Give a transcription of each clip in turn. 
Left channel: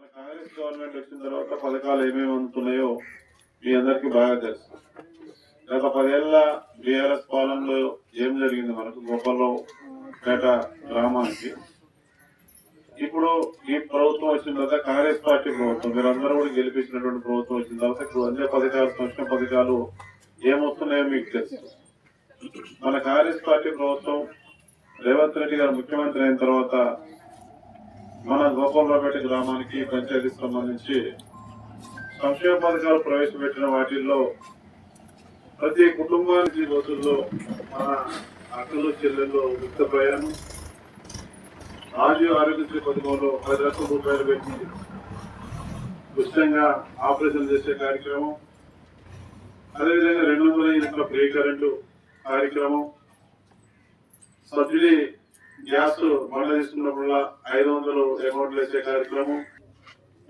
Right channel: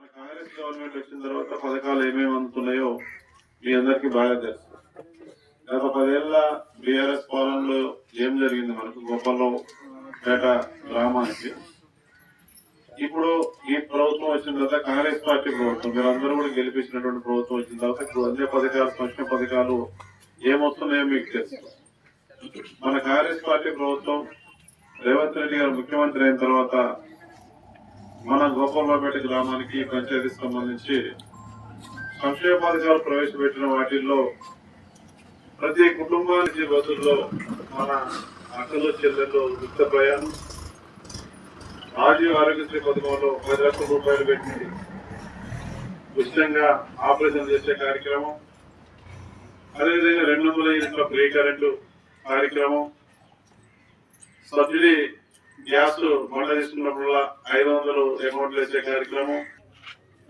మన కాంగ్రెస్ గవర్నమెంట్ వచ్చిన తర్వాత పథకాలు ఏమేమి అందుతున్నాయో మీ అందరికీ బాగా తెలుసు. గత పదేళ్ళ బీఆర్ఎస్ పాలనలో ఏం జరిగింది మనకు గొప్పలో పేట గ్రామానికి? ఇప్పుడు ఈ ప్రభుత్వం వచ్చిన తర్వాత కాంగ్రెస్ పార్టీ ప్రభుత్వం మీరందరూ కూడా గెలిపించినటువంటి ప్రభుత్వం వచ్చిన తర్వాత ఇప్పుడు అన్ని పథకాలు సంక్షేమ పథకాలు ఏమొస్తున్నాయో మీకు తెలుసు. మన కాంగ్రెస్ పార్టీ ప్రభుత్వం రేవంత్ రెడ్డి గారు ముఖ్యమంత్రి అయిన తర్వాత మన గోపాలరావుపేట గ్రామానికి పంచాయతీ సంబంధించి సంక్షేమ పథకాలు ప్రవేశపెట్టిన వాటిల్లో ప్రతి కుటుంబానికి బస్సుల్లో మన అక్కలు చెల్లెళ్ళు ఉచిత ప్రయాణం. రాజీవ్ ఆరోగ్యశ్రీ పథకంలో పది లక్షల రూపాయలు పెట్టి ఉచితంగా ఆపరేషన్ చేసే కార్యక్రమం. అదేవిధంగా రెండు వందల యూనిట్ల ఫ్రీ కరెంటు కార్యక్రమం. సబ్సిడీ గ్యాస్ మండ తీసుకున్నప్పుడల్లా ఐదు వందలు అమౌంట్ వేసే కార్యక్రమం.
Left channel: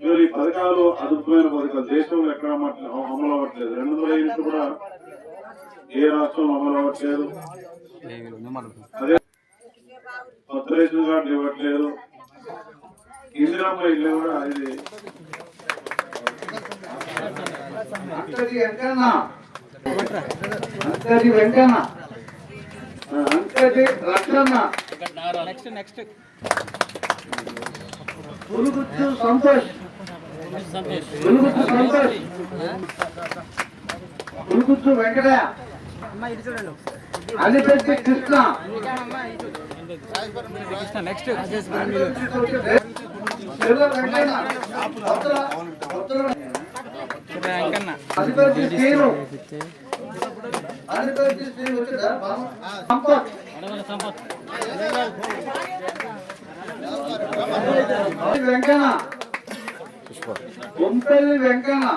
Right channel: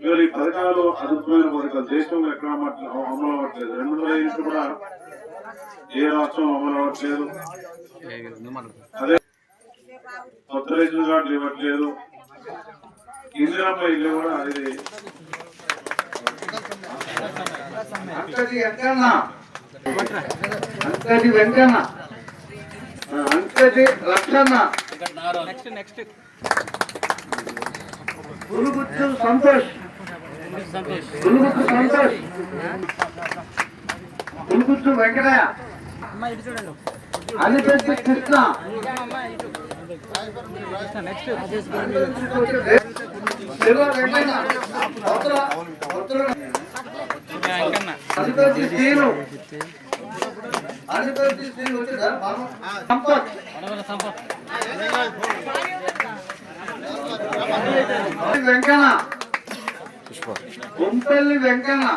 ఇవాళ ఈ పథకాలు అద్భుతమైన పథకాలు. దేశంలో ఎక్కడ అమలు అవ్వట్లేదు. రెండు వందల యూనిట్లు కూడా ఏ రాష్ట్రం అమలు అవ్వట్లేదు. అదే కొత్త రేషన్ కార్డు ఇవ్వట్లేదు. ఇందిరామ్మ ఇల్లు కూడా ఇది అంకటి వెంకన్న. అంకటి వెంకన్న. ఆ, అంకటి రక్షణ నెక్స్ట్ నెక్స్ట్ సంతోష్. సంతోష్. పురుగుచ్చు వెంకటయ్య. అలిపెట్టి కృష్ణ. నెక్స్ట్ అలిపెట్టి శ్రీను. అలిపెట్టి శ్రీను వచ్చిందా బాబు? సంపత్. వెంకన్న. గుంపల్లి వెంకన్న.